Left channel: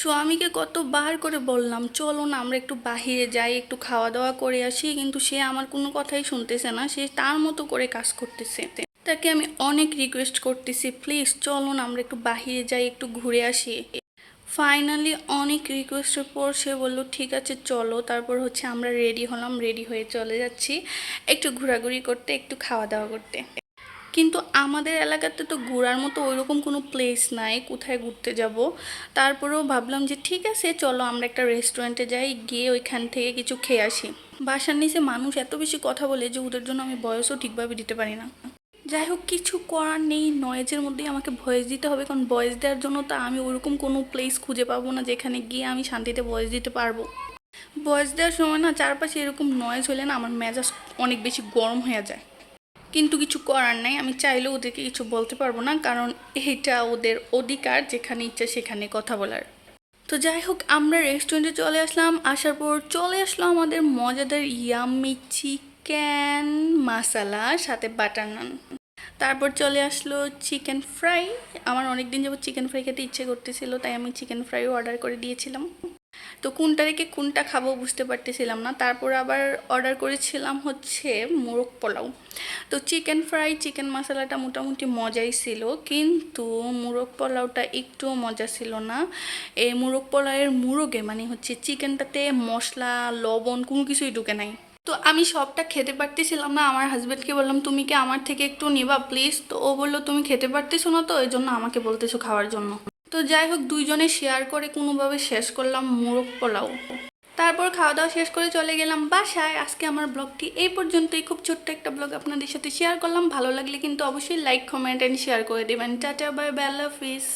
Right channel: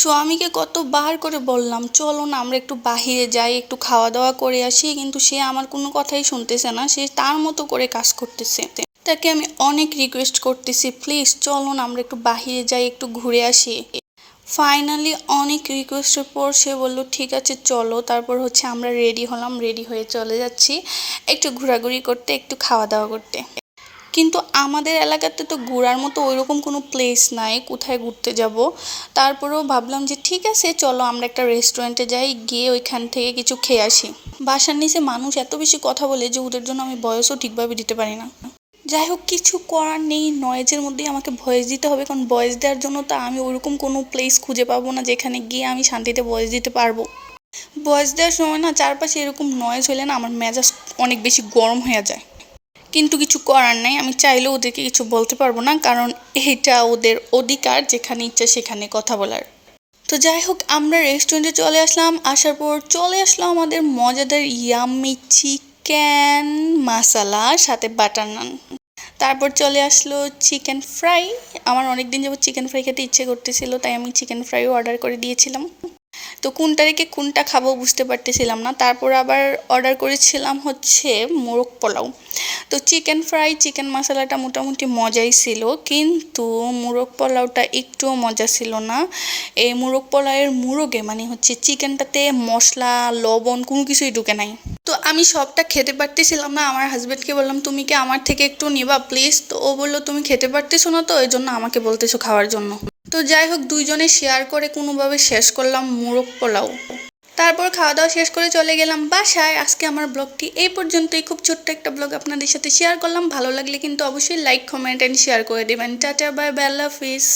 স্বামীকে কতবার করে বললাম চলো না আমরা একটু বাহিরে যাই, একটু খাওয়া দাওয়া করে আসি, কিন্তু সে আমার কোনো কথাই শুনতেছে না, সে তার মতো করে কাজ করতেছে। তাকে আমি অনেক রিকোয়েস্ট করতেছি, প্লিজ চলো না আমরা একটু বাহিরে যাই, একটু ঘুরে আসি। ফাইনালি অনেক রিকোয়েস্টের পর সে বলল ঠিক আছে চলো। তারপর হচ্ছে আমরা রেডি হলাম, রেডি হয়ে চলে যাচ্ছি একটু ঘোরাঘুরি করতে, একটু খাওয়া দাওয়া করতে। কিন্তু আমাদের এলাকাতে তো ঘোরার মতো ওইরকম কোনো প্লেস নাই, কোথায় ঘুরতে যাব। তারপরেও ভাবলাম যে ঠিক আছে চলো আমরা একটা রেস্টুরেন্টে যাই, গিয়ে ওইখান থেকে কিছু খেয়ে আসি। বাসার নিচে মানুষ এত বেশি কথা বলে যে ওদের জন্য আমি ভয়েসও ঠিকভাবে দিতে পারি না। যাই হোক, কিছু করার নেই, নয়েজের মধ্যেই আমাকে ভয়েস দিতে হবে, কারণ ভয়েস দেওয়ার জন্য তো আমি ওইরকম কোনো প্লেস খুঁজে পাবো না যেখানে গিয়ে আমি শান্তিতে ভয়েস দিতে পারবো। ভয়েস দেওয়ার সময় না চারপাশে এরকম নয়েজ হলে না আমার মেজাজ অনেক বেশি গরম হয়ে যায়। কিন্তু কিছু করার নাই, আমি চাইলেও ওদেরকে কিছু বলতে পারবো না, কারণ এটা ওদের অধিকার যেখানে ইচ্ছা সেখানে কথা বলার। তো যাই হোক, আমরা রেস্টুরেন্টে চলে আসলাম, আসার পর চলে আসলো আমাদের মজাদার ইয়াম্মি চিকেন মাসালা সাথে বাটার নান। তারপর চলে আসলো চিকেন ফ্রাই। আমার অনেক দিন যাবত চিকেন ফ্রাই খেতে ইচ্ছে করতেছিল, তাই আমি চিকেন ফ্রাইও অর্ডার করে দিয়েছিলাম। তো কোনটা রেখে কোনটা খাবো বুঝতে পারতেছিলাম না, তারপর আবার অর্ডার করেছিলাম হচ্ছে মোরগ পোলাও। তো চিকেন ফ্রাই চিকেন মশলাটা মোটামুটি মজাই ছিল, কিন্তু মোরগ পোলাওটা একটুও মজা ছিল না। এই মোরগ পোলাওয়ের মোরগে মানে হচ্ছে চিকেনটাতে মশলা লবণ কোনো কিছুই ঢুকে নাই। তো আমি সবটা খেতে পারতেছিলাম না, আমার হাজব্যান্ডকে বললাম তুমি কি আমার থেকে একটু নিবা প্লিজ, তো ও বললো তুমি খেতে পারতেছো না তো এই জন্য আমাকে বলতেছো খাওয়ার জন্য। তো যাই হোক, দুইজনে শেয়ার করে কোনোভাবে শেষ করলাম মোরগ পোলাও। তারপর খাওয়া দাওয়া শেষ করে চলে গেলাম বাসায়। আজকে আমার ব্লগটি এই পর্যন্তই, খুব ছোট্ট একটা ব্লগ আপনাদের সাথে শেয়ার করলাম। ভালো লাগলে কিন্তু অবশ্যই লাইক কমেন্ট অ্যান্ড শেয়ার করে দেবেন। টাটা বাই বাই, আল্লাহ হাফিজ।